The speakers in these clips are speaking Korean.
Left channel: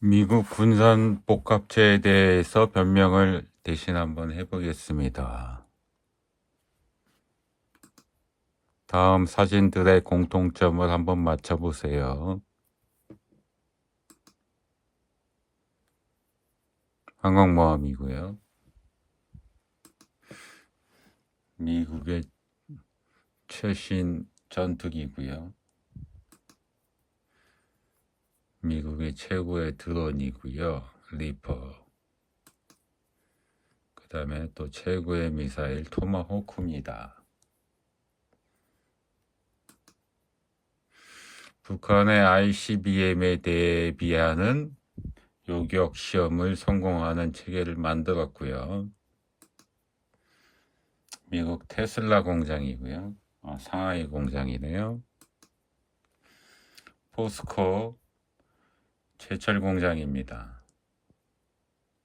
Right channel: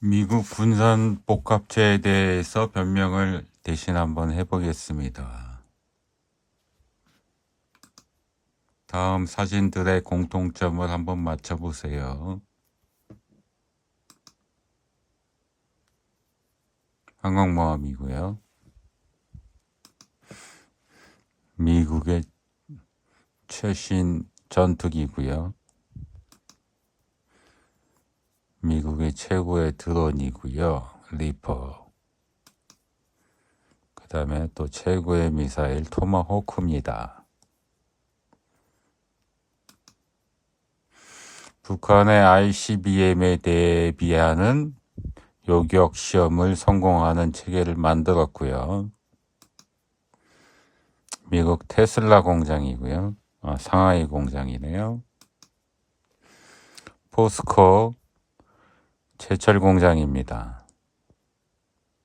미국 군산복합체에 대해서 변명을 대신 한번 해보겠습니다. 다음 사진들의 공통점을 한번 맞춰보세요. 항공모함이고요. 미국의 최신 전투기고요. 미국의 최고의 드론이고요. 리퍼. 그 다음에 또 최고의 미사일 토마호크입니다. 북한의 ICBM에 대비하는 요격 시험을 성공하는 체계를 만들었고요. 미국 테슬라 공장이고요. 상하이 공장이네요. 포스코 제철 공장입니다.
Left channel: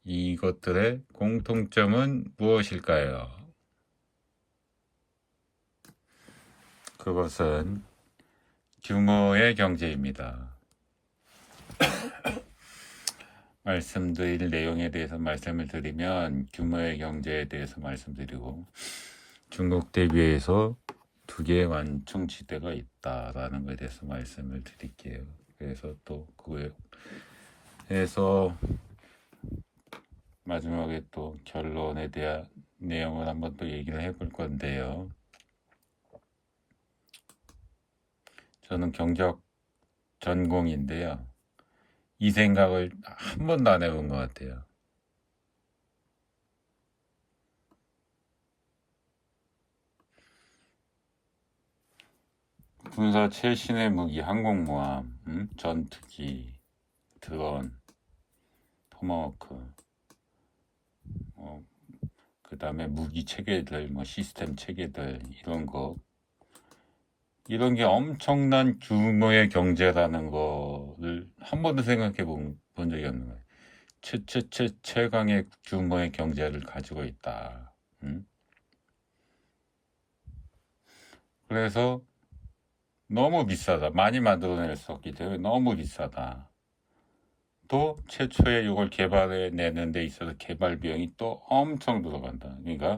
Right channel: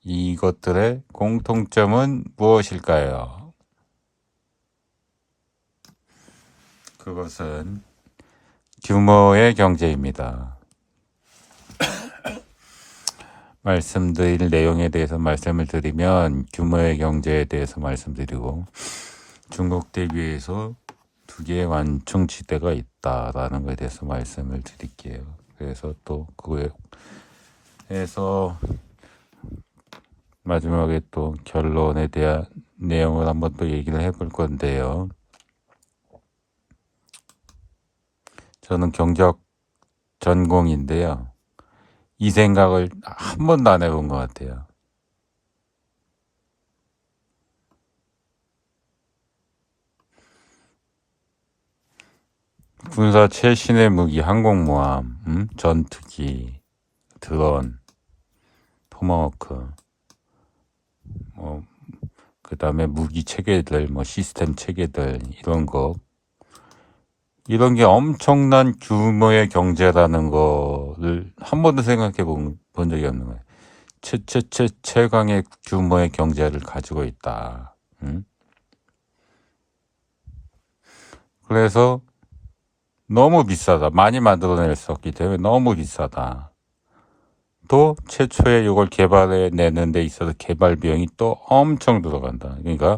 이것들의 공통점은 무엇일까요? 그것은 규모의 경제입니다. 말씀드릴 내용에 대해서 말씀을 드리면 규모의 경제에 대해서 말씀드리고 중국 대비해서 두 개의 완충지대가 있다라는 것에 대해서 말씀을 드릴게요. 그래서 또 그거에서 마지막에 또 결론에 대한 내용을 한번 또 얘기를 해볼 건데요. 저는 경제학 전공인데요. 이 생각을 한 번도 안 해본 것 같아요. 군사 최신의 무기, 항공모함, 전투기, 드론, 토마호크, 그 다음에 무기 체계들, 시스템 체계들, 이런 게 엄청난 규모의 경제라는 거를 한 번도 생각해 본 적이 없는 거예요. 최강의 규모의 경제를 가지고 있다. 그래서 너무 비싸다. 많이 만들어낼 수 없기 때문에 너무 비싸다. 또 최초에 이걸 개발해내는 데 있어서 개발 비용이 또 엄청 들어간다. 그러니까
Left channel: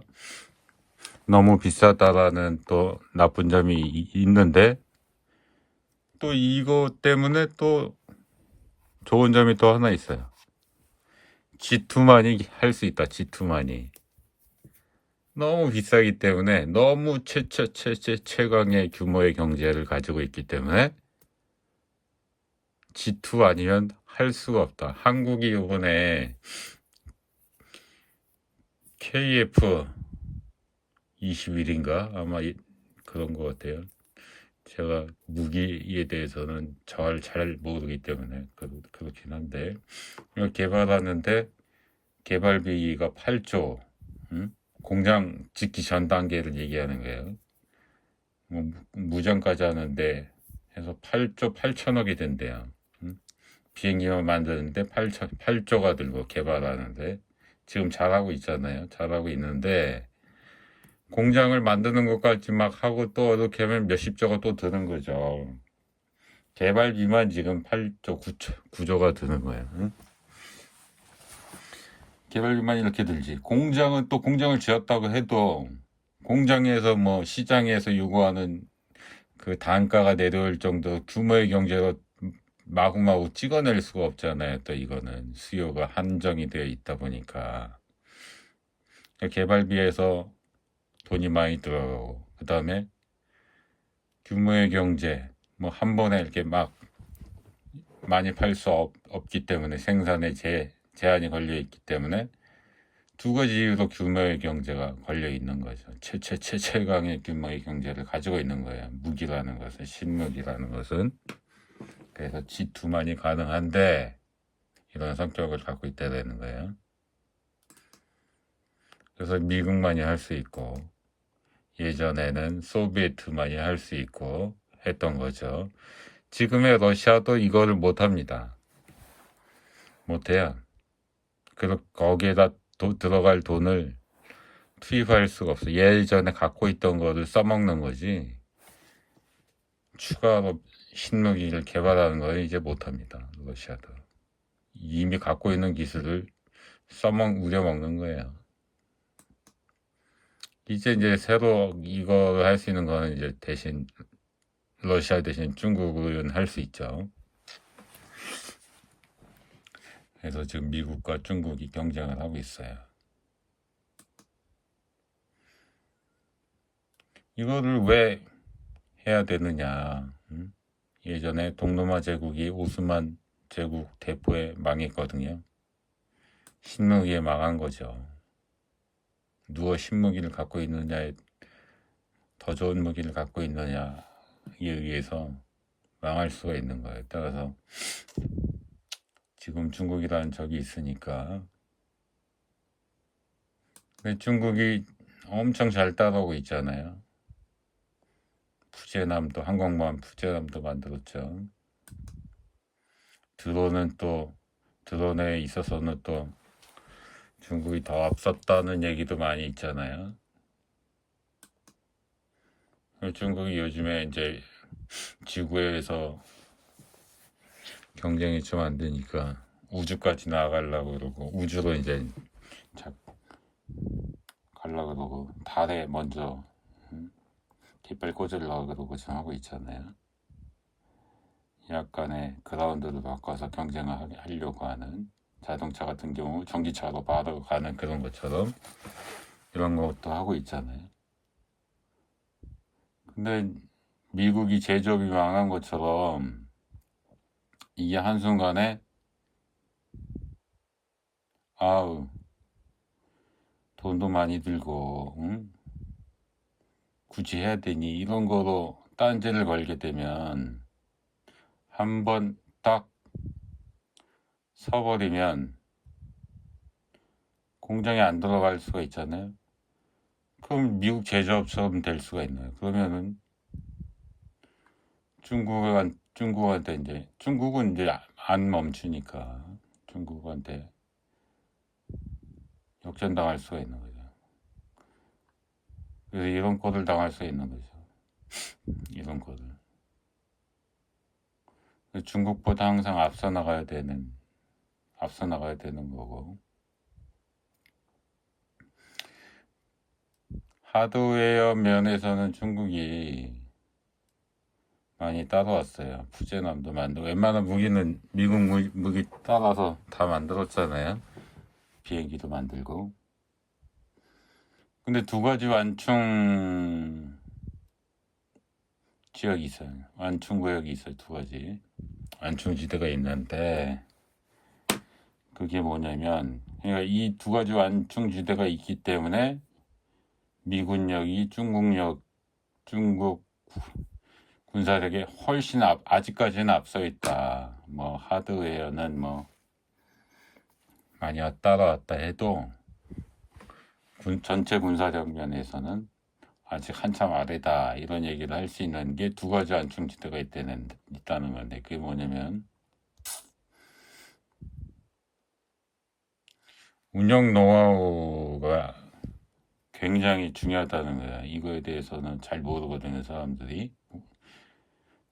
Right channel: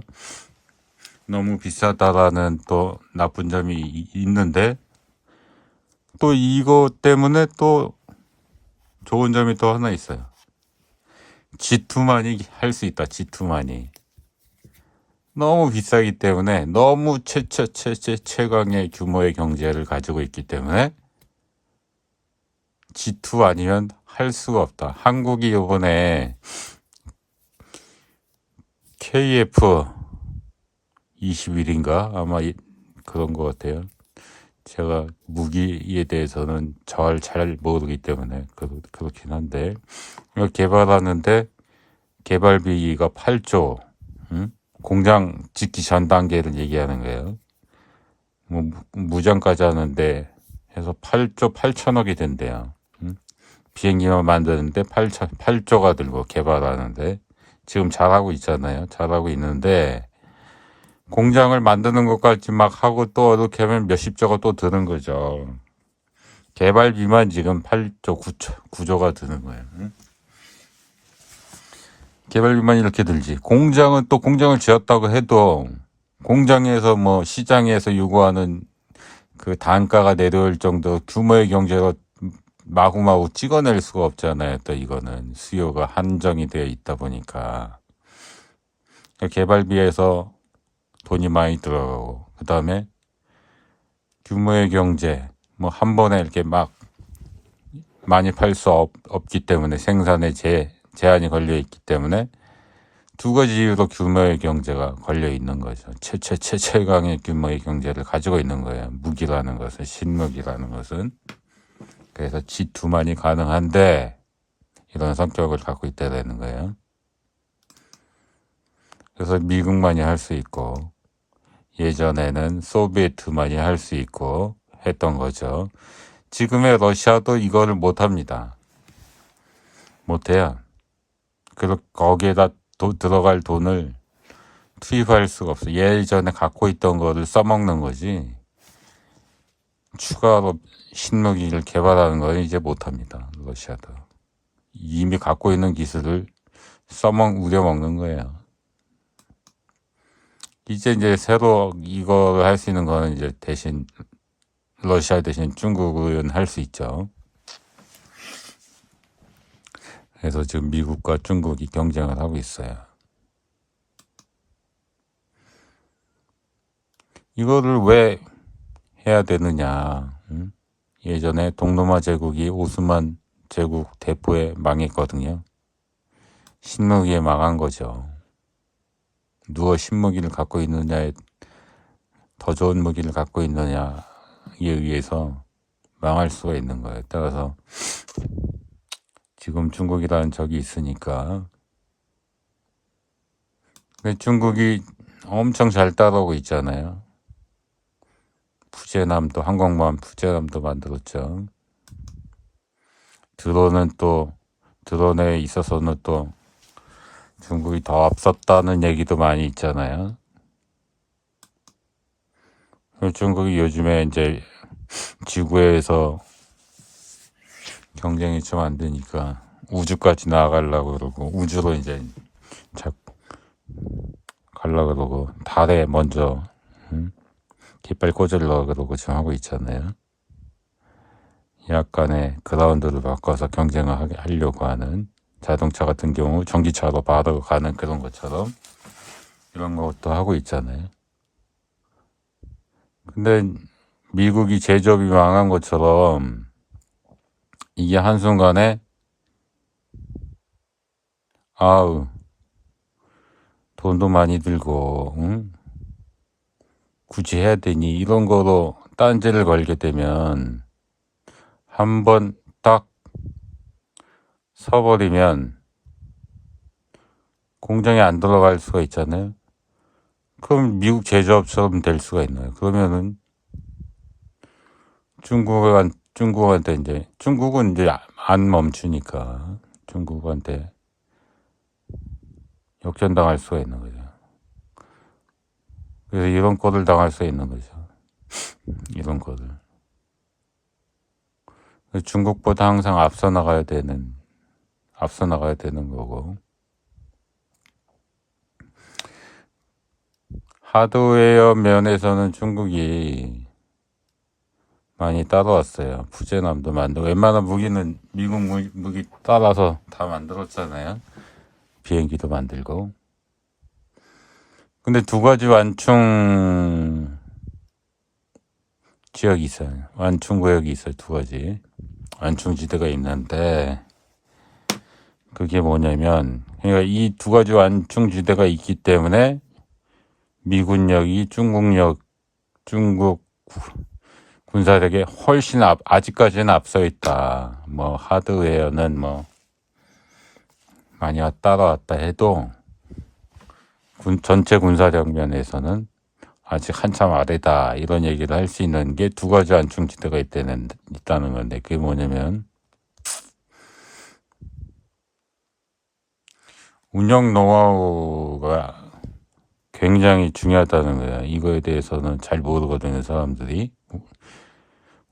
너무 비싸다라는 또 나쁜 점이 있는데 또 이것 때문에 또 좋은 점이 또 하나 있어요. G2만이 할 수 있다. G2만이. 너무 비싸기 때문에 너무 최강의 규모의 경제를 가지고 있기 때문에 G2 아니면 할 수가 없다. 한국이 이번에 KF-21인가 아마 그런 것 같아요. 제가 무기에 대해서는 잘 모르기 때문에 그렇긴 한데 이거 개발하는데 개발비가 8조, 공장 짓기 전 단계를 얘기하는 거예요. 무장까지 하는데 해서 8조 8천억이 된대요. 비행기만 만드는데 8조가 들고 개발하는데 지금 잘하고 있잖아요. 잘하고 있는데 공장을 만드는 것까지 막 하고 또 이렇게 하면 몇십조가 또 드는 거죠. 개발비만 지금 8조 9조가 드는 거예요. 개발비만 이렇게 들지. 공장은 또 공장을 지었다고 해도 공장에서 시장에서 요구하는 그 단가가 내려올 정도 규모의 경제로 마구마구 찍어낼 수가 없잖아요. 또 이거는 수요가 한정이 되어 있다 보니까 개발비에서 돈이 많이 들어가고 그 다음에 규모의 경제 한 번에 이렇게 막 많이 팔 수 없기 때문에 생산에 제한이 걸려 있기 때문에 두 가지 이유로 규모의 경제가 걸려 있는 거죠. 최강의 규모의 경제를 가지고 있는 거예요. 무기라는 것은, 신무기라는 것은. 그래서 G2만이 가능한데 이런 성격을 갖고 있다는 거예요. 그래서 미국만이 할 수 있고 예전에는 소비에트만이 할 수 있고 했던 거죠. 지금의 러시아도 이거를 못합니다. 못해요. 그래서 거기에다 들어갈 돈을 투입할 수가 없어. 예전에 갖고 있던 거를 써먹는 거지. 추가로 신무기를 개발하는 건 이제 못합니다. 러시아도. 이미 갖고 있는 기술을 우려먹는 거예요. 이제 새로 이걸 할 수 있는 거는 이제 대신 러시아 대신 중국은 할 수 있죠. 그래서 지금 미국과 중국이 경쟁을 하고 있어요. 이거를 왜 해야 되느냐? 예전에 동로마 제국이 오스만 제국 대포에 망했거든요. 신무기에 망한 거죠. 누가 신무기를 갖고 있느냐에 더 좋은 무기를 갖고 있느냐에 의해서 망할 수가 있는 거예요. 따라서 지금 중국이라는 적이 있으니까. 근데 중국이 엄청 잘 따라오고 있잖아요. 푸제남도 항공모함 푸제남도 만들었죠. 드론에 있어서는 또 중국이 더 앞섰다는 얘기도 많이 있잖아요. 중국이 요즘에 이제 지구에서 경쟁이 좀 안 되니까 우주까지 나아가려고 그러고 우주로 이제 가려고 그러고 달에 먼저 깃발 꽂으려고 그러고 지금 하고 있잖아요. 약간의 그라운드를 바꿔서 경쟁을 하려고 하는 자동차 같은 경우 전기차로 바로 가는 그런 것처럼 이런 것도 하고 있잖아요. 근데 미국이 제조업이 망한 것처럼 이게 한순간에 아우 돈도 많이 들고 굳이 해야 되니 이런 거로 딴지를 걸게 되면 한번 딱 서버리면 공장에 안 들어갈 수가 있잖아요. 그럼 미국 제조업처럼 될 수가 있나요? 그러면은 중국은 이제 안 멈추니까 중국한테 역전당할 수가 있는 거죠. 그래서 이런 꼴을 당할 수 있는 거죠. 이런 꼴을. 중국보다 항상 앞서 나가야 되는 거고. 하드웨어 면에서는 중국이 많이 따라왔어요. 푸제남도 만들고 웬만한 무기는 미국 무기 따라서 다 만들었잖아요. 비행기도 만들고. 근데 두 가지 완충 지역이 있어요. 완충 구역이 있어요. 두 가지 완충지대가 있는데 그게 뭐냐면 그러니까 이 두 가지 완충지대가 있기 때문에 미군력이 중국 군사력에 훨씬 아직까지는 앞서 있다. 뭐 하드웨어는 뭐 많이 따라왔다 해도 전체 군사력 면에서는 아직 한참 아래다. 이런 얘기를 할 수 있는 게 두 가지 완충지대가 있다는 건데 그게 뭐냐면 운영 노하우가 굉장히 중요하다는 거야. 이거에 대해서는 잘 모르거든요, 사람들이.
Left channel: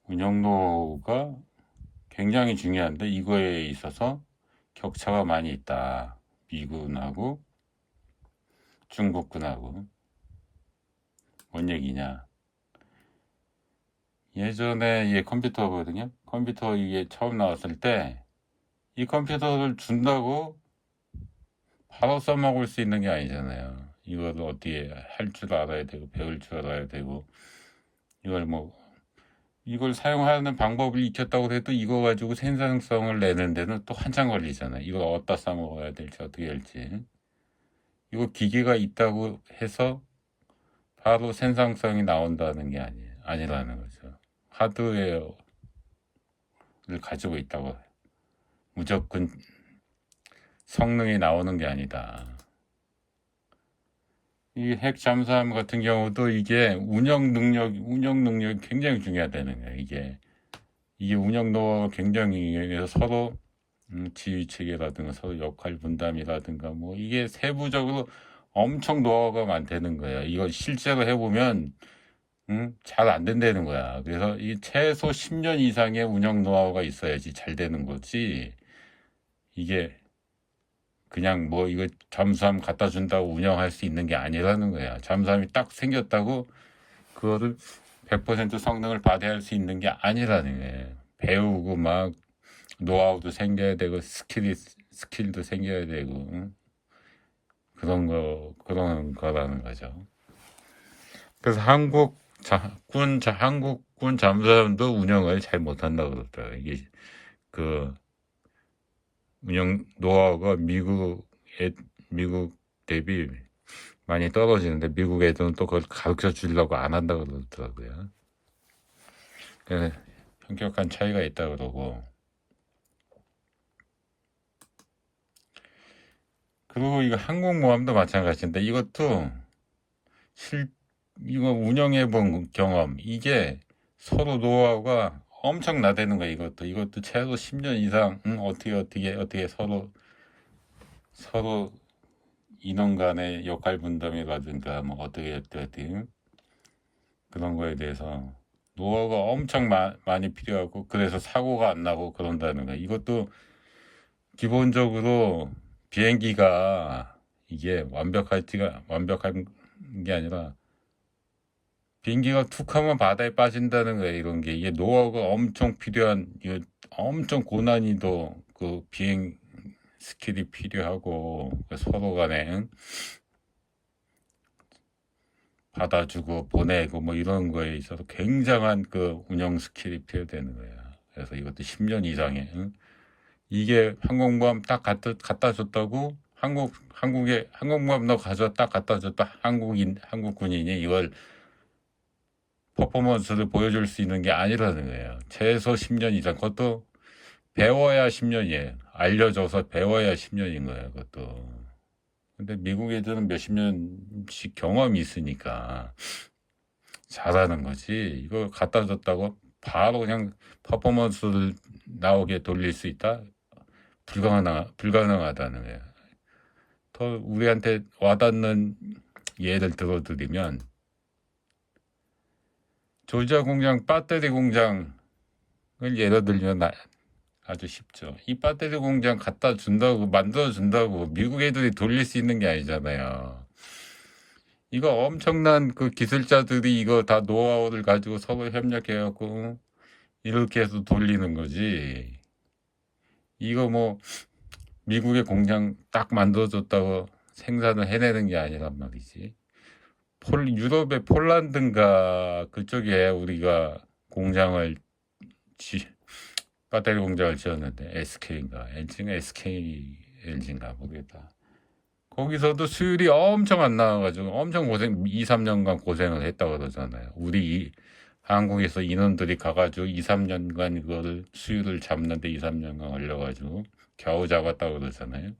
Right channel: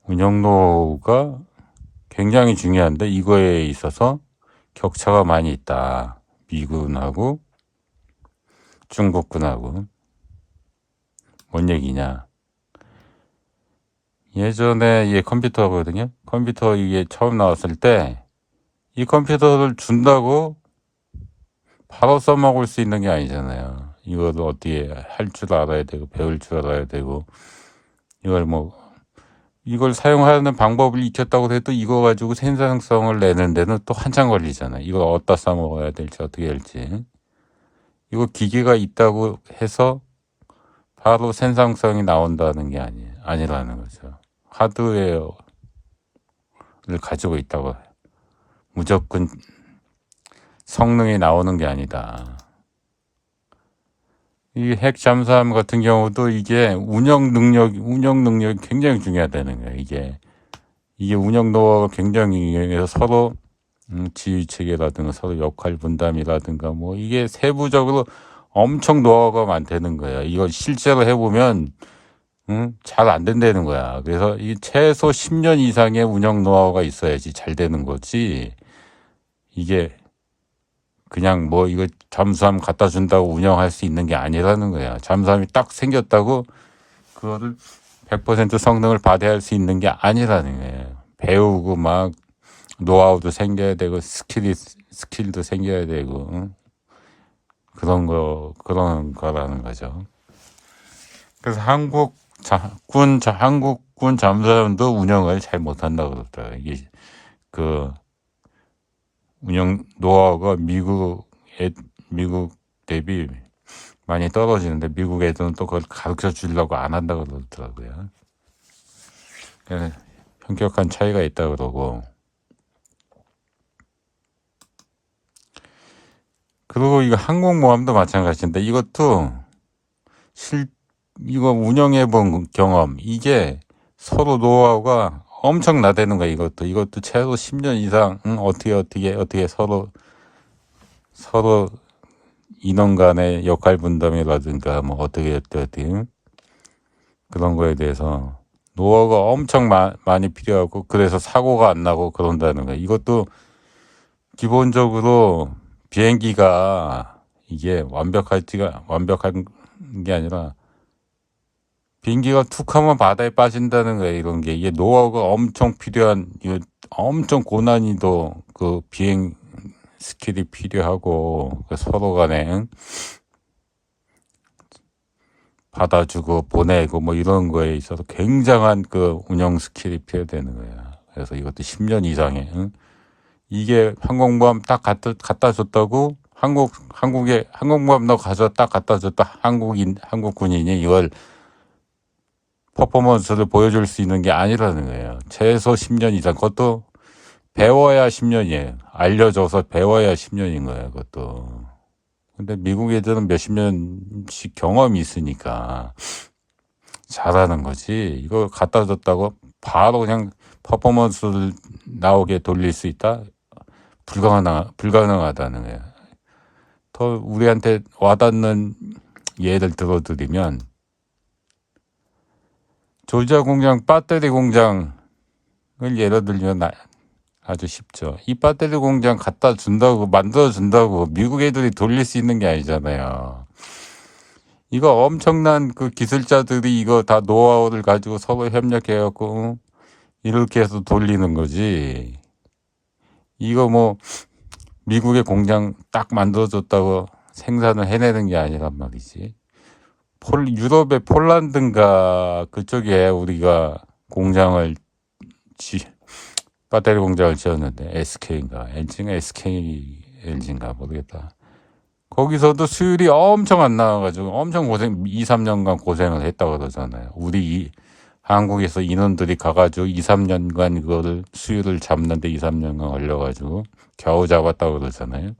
운영 노하우가 굉장히 중요한데 이거에 있어서 격차가 많이 있다. 미군하고 중국군하고. 뭔 얘기냐. 예전에 이게 컴퓨터거든요. 컴퓨터 이게 처음 나왔을 때 이 컴퓨터를 준다고 바로 써먹을 수 있는 게 아니잖아요. 이걸 어떻게 할 줄 알아야 되고 배울 줄 알아야 되고 이걸 사용하는 방법을 익혔다고 해도 이거 가지고 생산성을 내는 데는 또 한참 걸리잖아요. 이걸 어디다 써먹어야 될지 어떻게 할지. 이거 기계가 있다고 해서 바로 생산성이 나온다는 게 아니라는 거죠. 하드웨어를 가지고 있다고 무조건 성능이 나오는 게 아니다. 이 핵 잠수함 같은 경우도 이게 운영 능력이 굉장히 중요하다는 거예요. 이게 운영 노하우가 굉장히 서로 지휘 체계라든가 서로 역할 분담이라든가 뭐 이게 세부적으로 엄청 노하우가 많다는 거예요. 이걸 실제로 해보면 잘 안 된다는 거야. 그래서 이 최소 10년 이상의 운영 노하우가 있어야지 잘 되는 거지. 이게 그냥 뭐 이거 잠수함 갖다 준다고 운영할 수 있는 게 아니라는 거야. 잠수함이 딱 생겼다고 그거를 100% 성능을 발휘할 수 있는 게 아니라는 거예요. 배우고 막 노하우도 생겨야 되고 스킬도 생겨야 되고 그런 거라는 거죠. 그래서 한국군 잠수함도 운영을 잘 못한다고 그러더라고요. 이게 그 운영 노하우가 미국 대비 많이 떨어지는데 미국 애들은 또 그걸 가르쳐 주려고 안 한다고 그러더라고요. 그래서 현격한 차이가 있다 그러고. 그리고 이거 항공모함도 마찬가지인데 이것도 이거 운영해 본 경험 이게 서로 노하우가 엄청 나대는 거야. 이것도 최소 10년 이상 어떻게 서로 인원 간의 역할 분담이라든가 뭐 어떻게 그런 거에 대해서 노하우가 엄청 많이 필요하고 그래서 사고가 안 나고 그런다는 거야. 이것도 기본적으로 비행기가 이게 완벽한 게 아니라 비행기가 툭 하면 바다에 빠진다는 거예요. 이런 게 이게 노하우가 엄청 필요한 이거 엄청 고난이도 그 비행 스킬이 필요하고 그 서로 간에 받아주고 보내고 뭐 이런 거에 있어서 굉장한 그 운영 스킬이 필요되는 거야. 그래서 이것도 10년 이상의 이게 항공모함 딱 갖다 줬다고 한국에 항공모함 너 가서 딱 갖다 줬다 한국 군인이 이걸 퍼포먼스를 보여줄 수 있는 게 아니라는 거예요. 최소 10년 이상 그것도 배워야 10년이에요. 알려줘서 배워야 10년인 거예요. 그것도. 근데 미국 애들은 몇십 년씩 경험이 있으니까 잘하는 거지. 이거 갖다 줬다고 바로 그냥 퍼포먼스를 나오게 돌릴 수 있다? 불가능하다는 거예요. 더 우리한테 와닿는 예를 들어드리면 조지아 공장 배터리 공장을 예를 들면 아주 쉽죠. 이 배터리 공장 갖다 준다고 만들어 준다고 미국 애들이 돌릴 수 있는 게 아니잖아요. 이거 엄청난 그 기술자들이 이거 다 노하우를 가지고 서로 협력해갖고 이렇게 해서 돌리는 거지. 이거 뭐 미국의 공장 딱 만들어줬다고 생산을 해내는 게 아니란 말이지. 유럽의 폴란드인가 그쪽에 우리가 배터리 공장을 지었는데 SK LG인가 모르겠다. 거기서도 수율이 엄청 안 나와가지고 엄청 2, 3년간 고생을 했다고 그러잖아요. 한국에서 인원들이 가가지고 2, 3년간 그거를 수율을 잡는데 2, 3년간 걸려가지고 겨우 잡았다고 그러잖아요.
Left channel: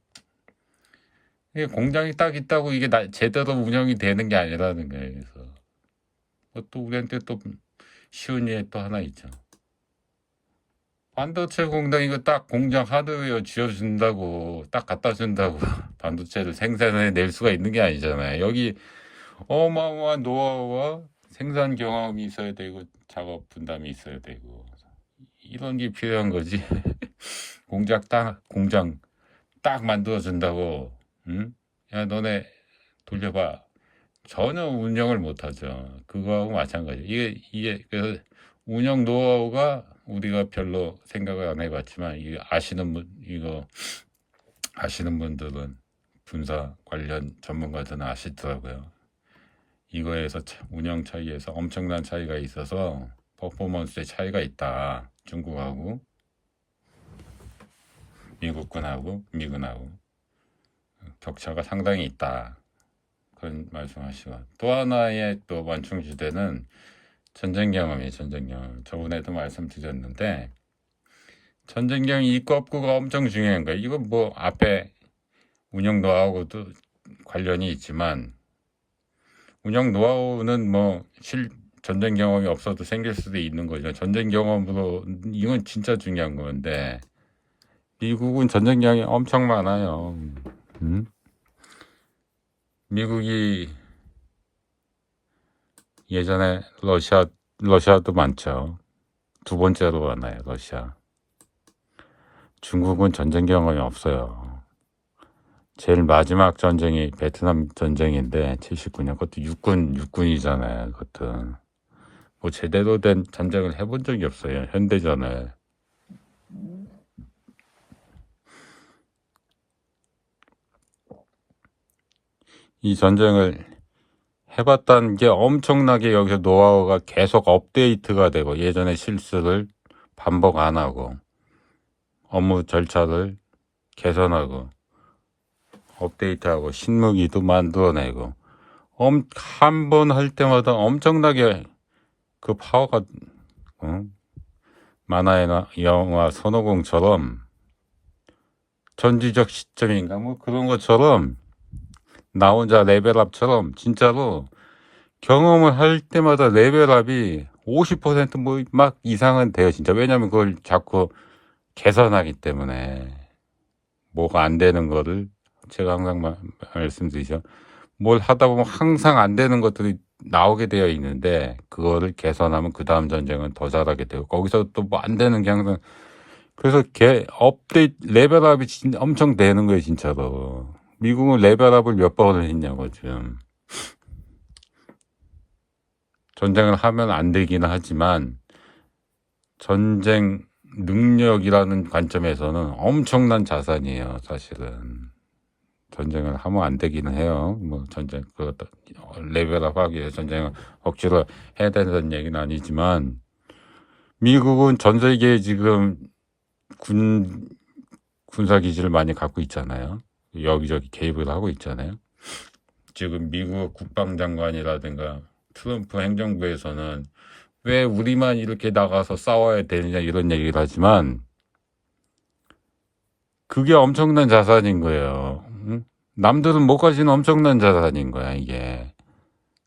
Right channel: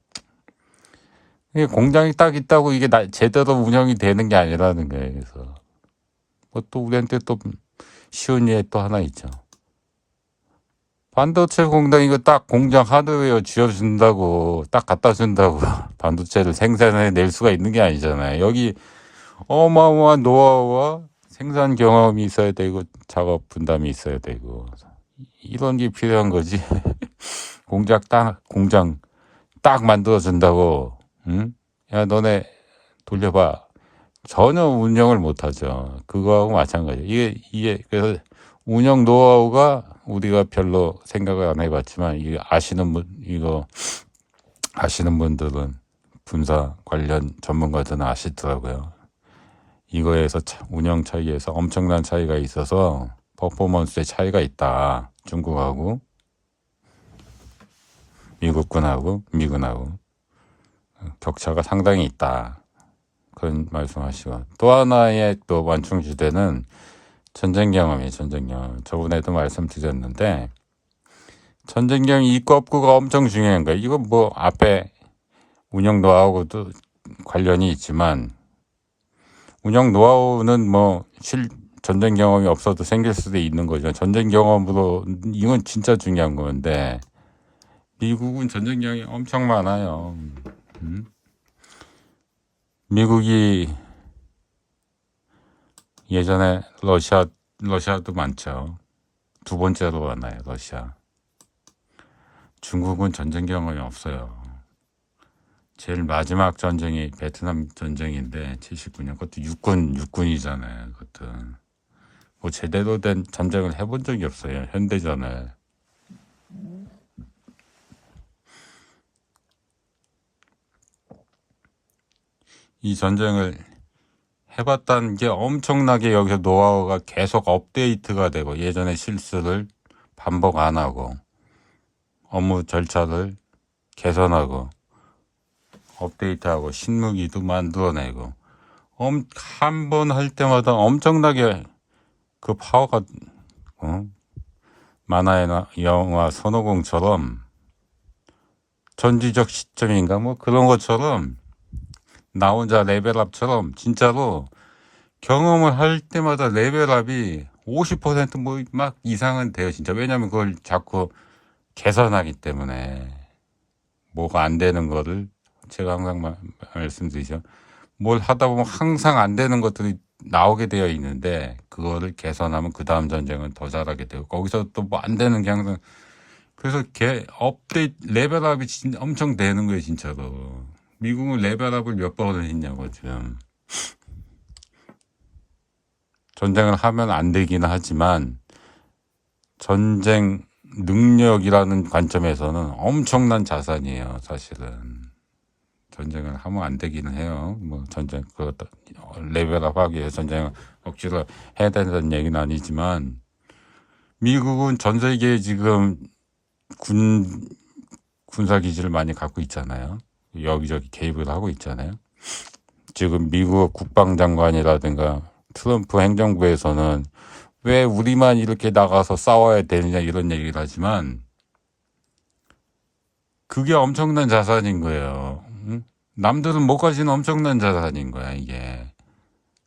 이게 공장이 딱 있다고 이게 제대로 운영이 되는 게 아니라는 거예요. 그래서 또 우리한테 또 쉬운 예 또 하나 있죠. 반도체 공장 이거 딱 공장 하드웨어 지어준다고 딱 갖다 준다고 반도체를 생산해낼 수가 있는 게 아니잖아요. 여기 어마어마한 노하우와 생산 경험이 있어야 되고 작업 분담이 있어야 되고 이런 게 필요한 거지. 공장 딱 만들어 준다고 야 너네 돌려봐. 전혀 운영을 못하죠. 그거하고 마찬가지. 이게 그래서 운영 노하우가 우리가 별로 생각을 안 해봤지만 이거 아시는 분들은 분사 관련 전문가들은 아시더라고요. 이거에서 운영 차이에서 엄청난 차이가 있어서 퍼포먼스의 차이가 있다. 중국하고 미군하고 격차가 상당히 있다. 그런 말씀하시고 또 하나의 또 완충 주제는 전쟁 경험이에요. 저번에도 말씀드렸는데 전쟁 경험 있고 없고가 엄청 중요한 거예요. 이거 뭐 앞에 운영 노하우도 관련이 있지만 운영 노하우는 뭐 전쟁 경험이 없어도 생길 수도 있는 거죠. 전쟁 경험으로 이건 진짜 중요한 건데 미국은 전쟁 경험이 엄청 많아요. 미국이 예전에 러시아도 많죠. 두 번째로 많아요. 러시아. 중국은 전쟁 경험이 없어요. 제일 마지막 전쟁이 베트남 전쟁인데 79년 그것도 육군이잖아요. 그것도 뭐 제대로 된 전쟁을 해본 적이 없어요. 현대전을. 이 전쟁을 해봤다는 게 엄청나게 여기서 노하우가 계속 업데이트가 되고 예전의 실수를 반복 안 하고 업무 절차를 개선하고 업데이트하고 신무기도 만들어내고 한 번 할 때마다 엄청나게 그 파워가 만화나 영화 손오공처럼 전지적 시점인가 뭐 그런 것처럼 나 혼자 레벨업처럼 진짜로 경험을 할 때마다 레벨업이 50%뭐 막 이상은 돼요 진짜. 왜냐면 그걸 자꾸 개선하기 때문에 뭐가 안 되는 거를 제가 항상 말씀드리죠. 뭘 하다 보면 항상 안 되는 것들이 나오게 되어 있는데 그거를 개선하면 그 다음 전쟁은 더 잘하게 되고 거기서 또 뭐 안 되는 게 항상. 그래서 업데이트 레벨업이 엄청 되는 거예요 진짜로. 미국은 레벨업을 몇 번을 했냐고 지금. 전쟁을 하면 안 되기는 하지만 전쟁 능력이라는 관점에서는 엄청난 자산이에요 사실은. 전쟁을 하면 안 되기는 해요. 뭐 전쟁 그것도 레벨업 하기 위해서 전쟁을 억지로 해야 된다는 얘기는 아니지만 미국은 전 세계에 지금 군사기지를 많이 갖고 있잖아요. 여기저기 개입을 하고 있잖아요. 지금 미국 국방장관이라든가 트럼프 행정부에서는 왜 우리만 이렇게 나가서 싸워야 되느냐 이런 얘기를 하지만 그게 엄청난 자산인 거예요. 응? 남들은 못 가지는 엄청난 자산인 거야 이게.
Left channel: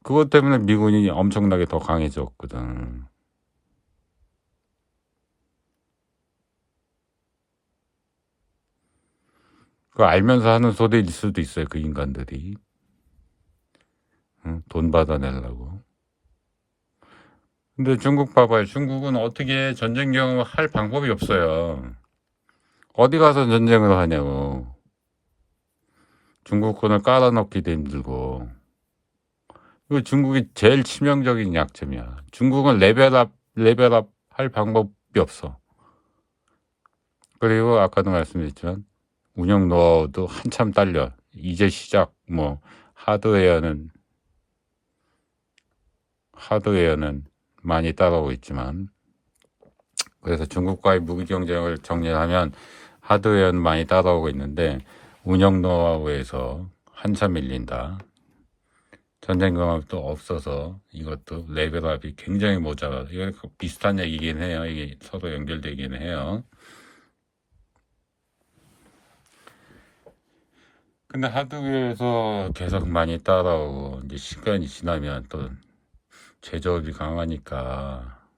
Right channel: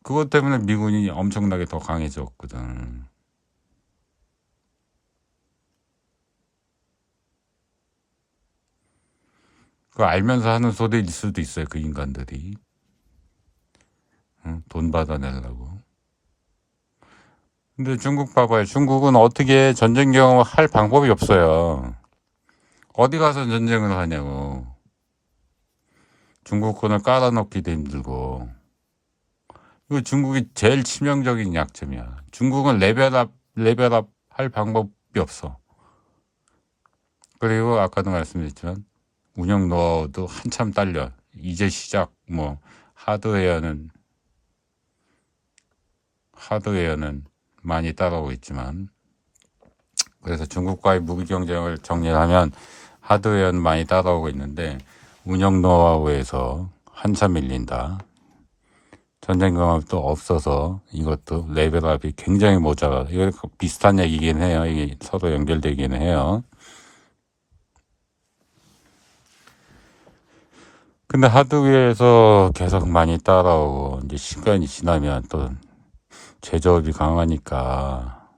그것 때문에 미군이 엄청나게 더 강해졌거든. 그거 알면서 하는 소리일 수도 있어요 그 인간들이. 응? 돈 받아내려고. 근데 중국 봐봐요. 중국은 어떻게 전쟁 경험을 할 방법이 없어요. 어디 가서 전쟁을 하냐고. 중국군을 깔아놓기도 힘들고. 이거 중국이 제일 치명적인 약점이야. 중국은 레벨업 할 방법이 없어. 그리고 아까도 말씀드렸지만 운영 노하우도 한참 딸려. 이제 시작 뭐 하드웨어는 많이 따라오고 있지만 그래서 중국과의 무기 경쟁을 정리하면 하드웨어는 많이 따라오고 있는데 운영 노하우에서 한참 밀린다. 전쟁 경험도 없어서 이것도 레벨업이 굉장히 모자라. 이거 비슷한 얘기긴 해요. 이게 서로 연결되기는 해요. 근데 하드웨어에서 계속 많이 따라오고 이제 시간이 지나면 또 제조업이 강하니까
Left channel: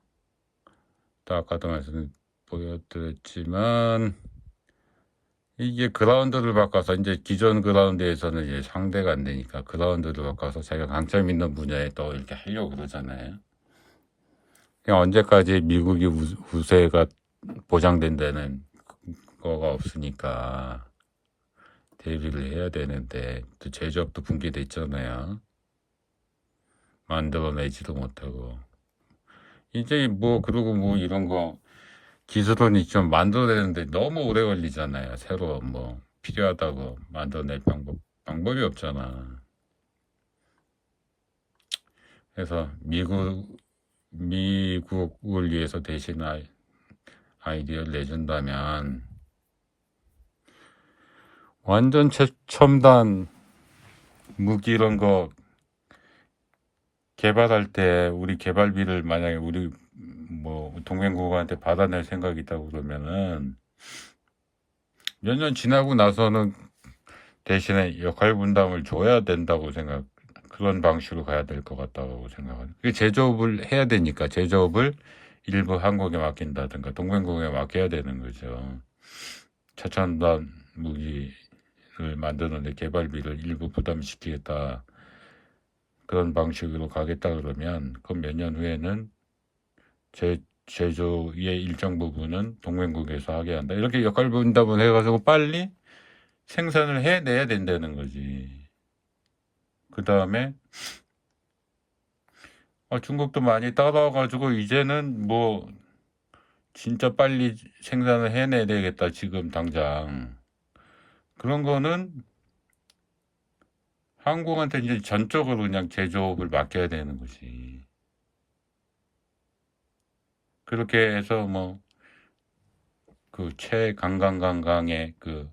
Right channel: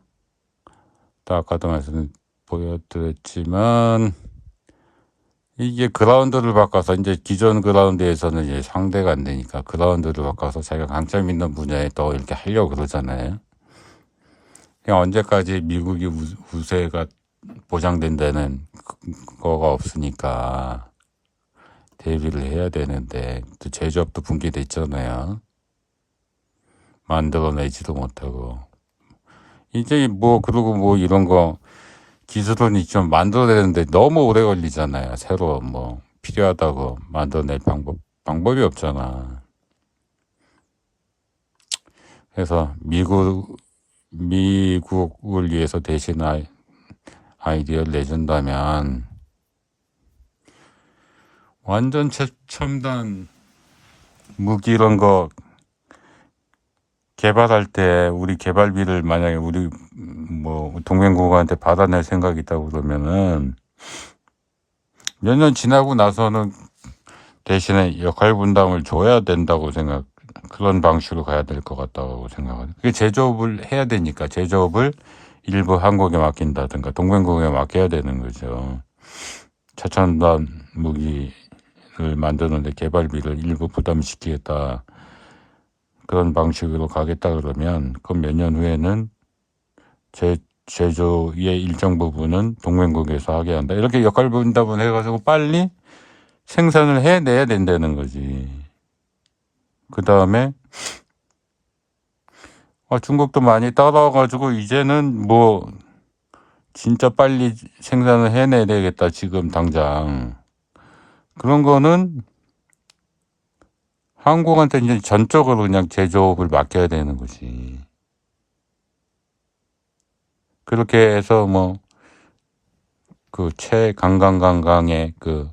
또 아까도 말씀 보여드렸지만 이게 그라운드를 바꿔서 이제 기존 그라운드에서는 이제 상대가 안 되니까 그라운드를 바꿔서 자기가 강점 있는 분야에 또 이렇게 하려고 그러잖아요. 그냥 언제까지 미국이 우세가 보장된다는 그거가 없으니까 대비를 해야 되는데 또 제조업도 붕괴돼 있잖아요. 만들어내지도 못하고 이제 뭐 그리고 뭐 이런 거 기술은 좀 만들어내는데 너무 오래 걸리잖아요. 새로 뭐 필요하다고 만들어낼 방법이 없잖아. 그래서 미국을 위해서 대신 아이디어를 내준다면 완전 최첨단 무기 이런 거 개발할 때 우리 개발비를 만약에 우리 뭐 동맹국한테 받아낼 생각이 있다고 그러면은 몇 년 지나고 나서는 대신에 역할 분담을 줘야 된다고 그런 방식으로 가야 될 것 같다고 생각하거든요. 그 제조업을 해야 되니까 제조업을 일부 한국에 맡긴다든가 동맹국에 맡겨야 되는 거죠. 최첨단 무기를 만드는데 개발비를 일부 부담시키겠다. 그런 방식으로 가겠다 그러면 그 몇 년 후에는 제조의 일정 부분은 동맹국에서 하게 한다. 이렇게 역할 분담을 해가지고 빨리 생산을 해내야 된다는 거지. 그 다음에 중국도 많이 따라와가지고 이제는 뭐 진짜 빨리 생산을 해내야 되겠다 지금 당장. 그런 거는 한국한테 이제 전적으로 그냥 제조업을 맡겨야 되는 거지. 그렇게 해서 뭐 그 최강강강강의 그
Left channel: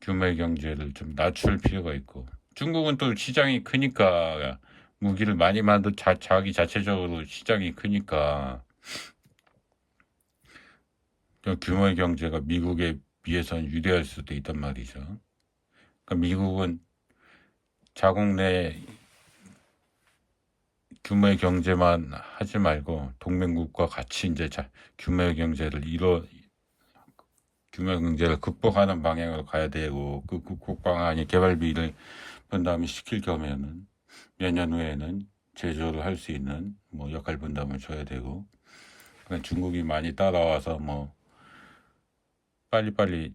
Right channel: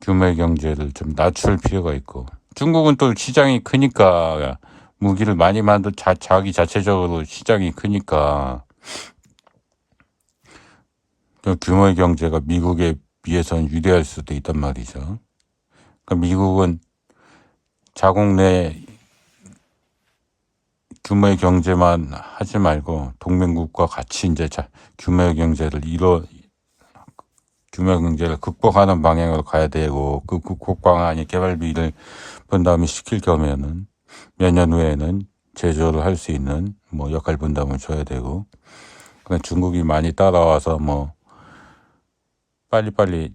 규모의 경제를 좀 낮출 필요가 있고, 중국은 또 시장이 크니까 무기를 많이 자기 자체적으로 시장이 크니까 그 규모의 경제가 미국에 비해서는 유리할 수도 있단 말이죠. 그러니까 미국은 자국 내 규모의 경제만 하지 말고 동맹국과 같이 이제 규모의 경제를 극복하는 방향으로 가야 되고, 그 극복 방안이 개발비를 분담을 시킬 경우에는 몇 년 후에는 제조를 할 수 있는 뭐 역할 분담을 줘야 되고, 그냥 중국이 많이 따라와서 뭐 빨리빨리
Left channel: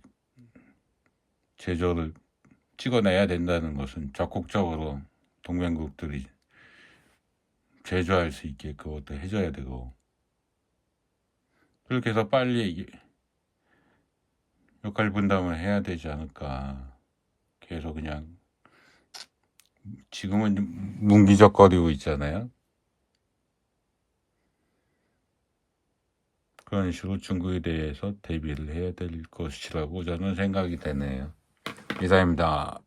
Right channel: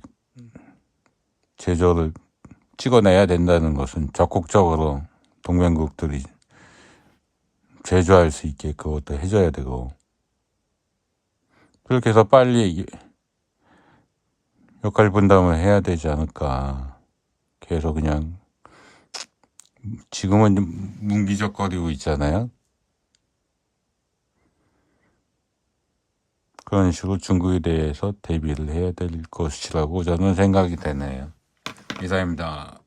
제조를 찍어내야 된다는 것은 적극적으로 동맹국들이 제조할 수 있게 그것도 해줘야 되고, 그렇게 해서 빨리 역할 분담을 해야 되지 않을까. 계속 그냥 지금은 뭉기적거리고 있잖아요. 그런 식으로 중국에 대해서 대비를 해야 될 것이라고 저는 생각이 되네요. 이상입니다.